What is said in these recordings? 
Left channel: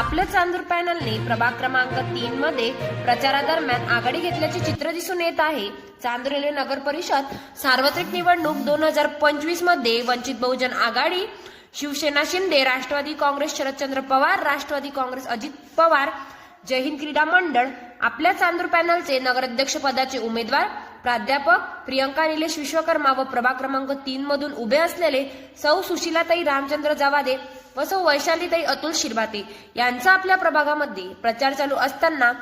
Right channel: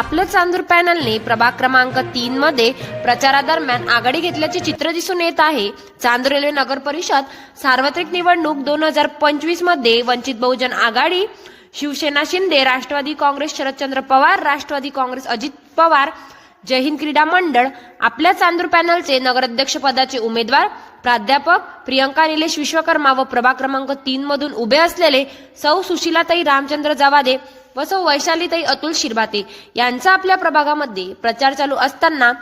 आपलं चांदूर पॅनलने प्रभाग क्रमांक तीन मध्ये प्रचारादरम्यान आघाडी घेतल्याचे चित्र दिसून येत आहे. चांदूर रेल्वे नगर परिषद सार्वत्रिक निवडणूक दोन हजार पंचवीसमध्ये वंचित बहुजन आघाडी शिवसेना शिंदे राष्ट्रवादी काँग्रेस शरदचंद्र पवार राष्ट्रवादी काँग्रेस अजित पवार जय हिंद क्रीडा मंडळ. आपल्या चांदूर पॅनलचे नगराध्यक्ष पदाचे उमेदवार प्राध्यापक प्रियंका निलेश विश्वकर्मा व प्रभाग क्रमांक तीन मधून उभे असलेले सौ सुशीलाताई रामचंद्र जावादे व सौ वैशालीताई अतुल शिरभाते यांचा आपल्या प्रभागामध्ये प्रचार चालू असताना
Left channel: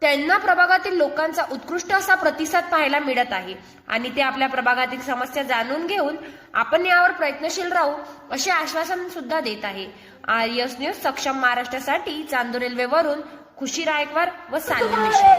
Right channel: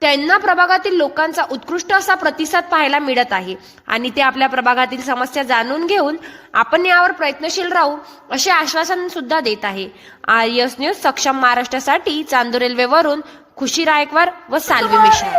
त्यांना प्रभागातील लोकांचा उत्कृष्ट असा प्रतिसाद पाहायला मिळत आहे. आणि ते आपल्या प्रभागातील समस्या जाणून घेऊन आपण यावर प्रयत्नशील राहू असे आश्वासन सुद्धा देत आहे. आर्यस न्यूज सक्षम महाराष्ट्रासाठी चांदूर रेल्वेवरून खुशी रायकवार व साल्वी मिश्रा.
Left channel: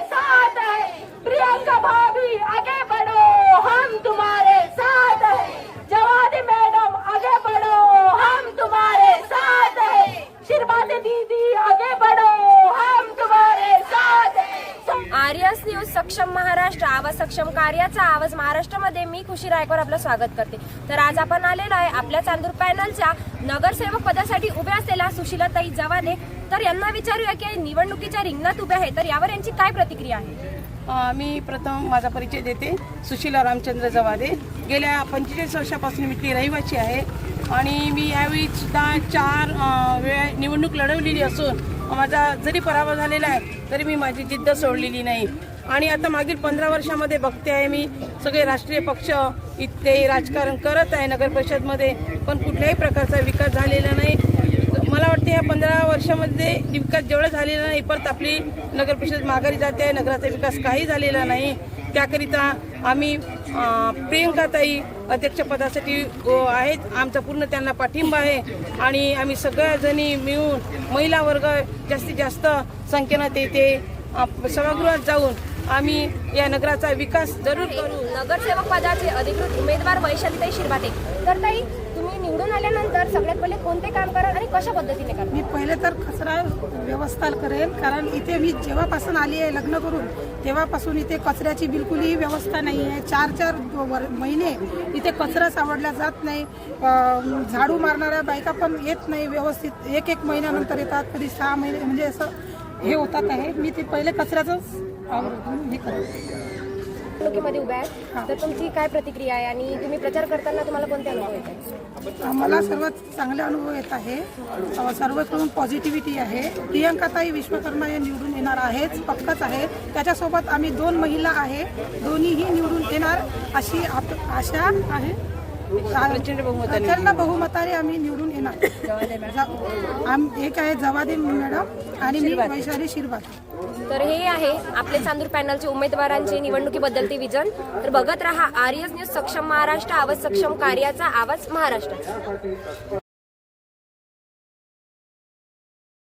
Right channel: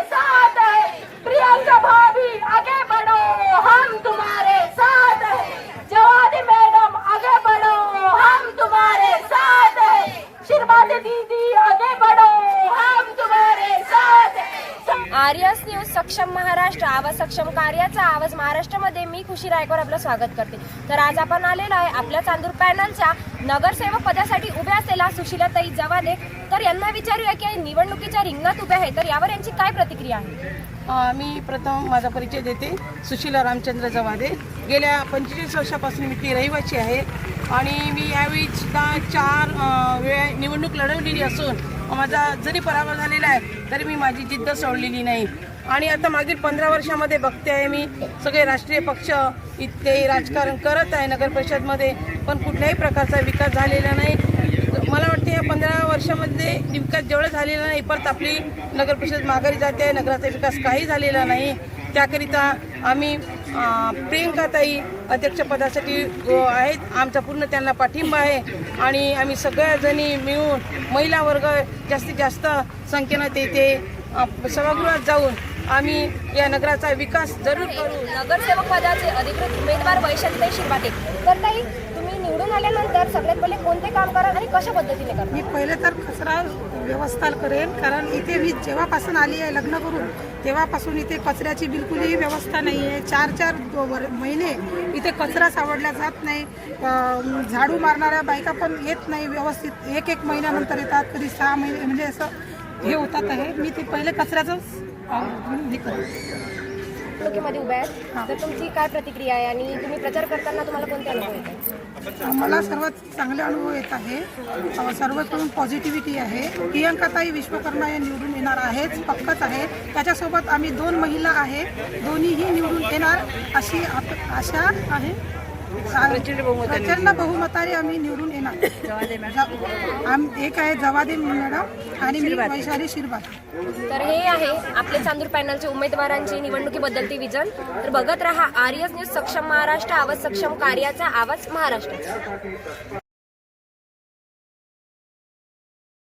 आर्यस न्यूज सक्षम महाराष्ट्र आवाज सक्षम कार्याचा आवाज महाराष्ट्रामध्ये मी खुशी रायकवार आपलं स्वागत करते. तर आज आपण आलेलो आहे आपल्या चांदूर पॅनलच्या नगरसेवक पदासाठी उभ्या असलेल्या सुशीलाताई जवाने. तर यांना विचारूया की निवडणुकीच्या रिंगणात उभ्या आहे. तर यावर यांची काय प्रतिक्रिया आहे? मी प्रथम माझा परिचय देते. सुशीला रामचंद्र जवाने. गेल्या पंचवीस वर्षापासून मी ती रहिवासी आहे. आणि मी यावेळी सुद्धा चार वेळा निवडणूक लढवलेली असून माझा जरी पराभव झालेला आहे तरी मी माझी जिद्द सोडलेली नाही. आणि आता मागील पंधरा वर्षामध्ये बघते आहे मी सगळे राष्ट्रीय पक्ष इथे राजकारण करत आहे नगर परिषदमध्ये पण कुठल्याही प्रकारचा विकास झालेला नाही. मला वाटते या पंधरा वर्षामध्ये विकास जेवढं झालेला नाही परत आपली नगर परिषद माघारी जाते नगराचा विकास काही झालेला नाही. त्याकरिता आम्ही अं, प्रियंकाताई अध्यक्षपदासाठी आहेत. आमचा पूर्ण त्यांना पाठिंबा आहे. आणि आम्ही सगळ्याजणी मिळून महिला वर्ग जास्तीत जास्त संख्येनं तेथे सभागृहात जाऊन आम्ही या नगराचा विकास जरूर करू. नगरसेवक पदाचे अधिकृत उमेदवार वैशालीताई शिरभाते तर ताई तुम्ही निवडून आल्यानंतर सगळ्यात पहिले कोणते काम कराल आणि कशा पद्धतीने करणार? मी पहिले तर कचरा व्यवस्था करेन कारण इथे मी जेव्हापासून आली आहे लग्न करून तेव्हापासून इथे कचऱ्याची बिलकुलही व्यवस्था नाही आहे. चार चार महिने इथे कचरा सावडला जात नाही. झाडू मारणाऱ्या बायका पण येत नाही व्यवस्थित. एक एक महिन्यानंतर येतात कधी सहा महिने म्हणजे असं हे होतात आहे. मी ते पहिले करेन निवडणुकीमध्ये उभ्या आहेत. तर तुमची काय प्रतिक्रिया आहे आणि तुम्ही प्रचार करताना तुम्हाला कोणते अनुभव येतात मला सर्वात चांगले अनुभव येत आहे. सर्वकडून पॉझिटिव्हिटी आहे. प्रियंकाताई विश्वकर्मा या निवडून येणार आहेच पक्कच आहे. त्याच्यासोबत आम्ही दोन महिला आहे. दोन्हीही निवडून येणार अशी आशा आहे. प्रचंड बहुमताने आम्ही निवडून येणार. एक आहे जवादीन मॅडम आणि मी वैशाली शिरभात तर हे आहे आपले चांदूर पॅनलचे उमेदवारांचे निवडणुकीबद्दलचे विजन. तर बघत रहा आर्यस न्यूज सक्षम महाराष्ट्र आवाज सक्षम कार्याचा आवाज महाराष्ट्र.